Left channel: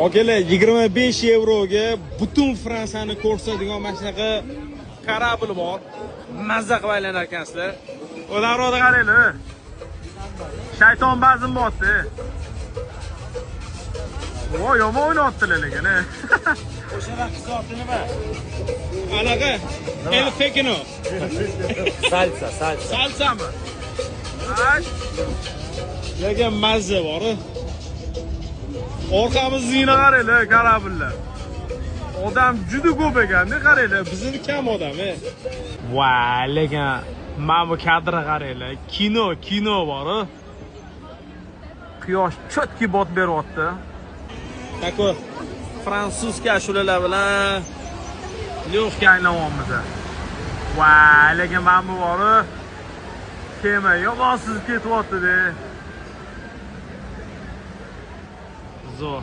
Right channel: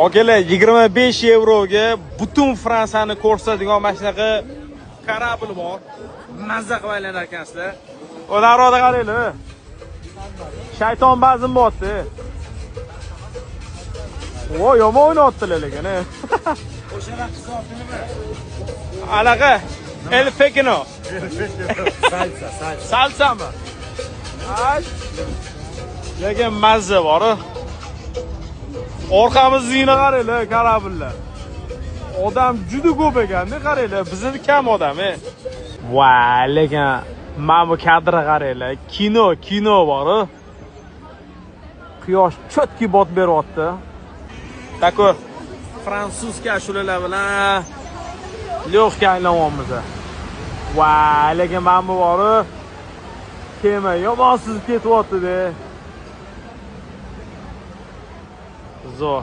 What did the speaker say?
Akalar 25 yevroga butun Fransiyani ko'rsatadigan mana shunaqa kорабль bor. Mazza qilib aylanar ekansizlar. O'daroqda qaranglar. Shayton bazm bo'tdi. Voy, yomon o'ynayaptilar lekin. O'sha raqs zoti nima? Anaqa El Pekino. Salsa. Salsami? Lekin mazza bor. Orqamizga qaranglar, kорабльlar. Odam juda ko'p ekan-da, qaranglar, bizning kam odam. Voy, lekin mana bu kadrga qaranglar. Kino bor. Quyosh chotki bot beryapti. Tako fransuzcha ashulalar bilan lyoxka aylanyapmiz. Voy, lekin mana bu bor. Kema yomonsiz ketyapti-da. Zo.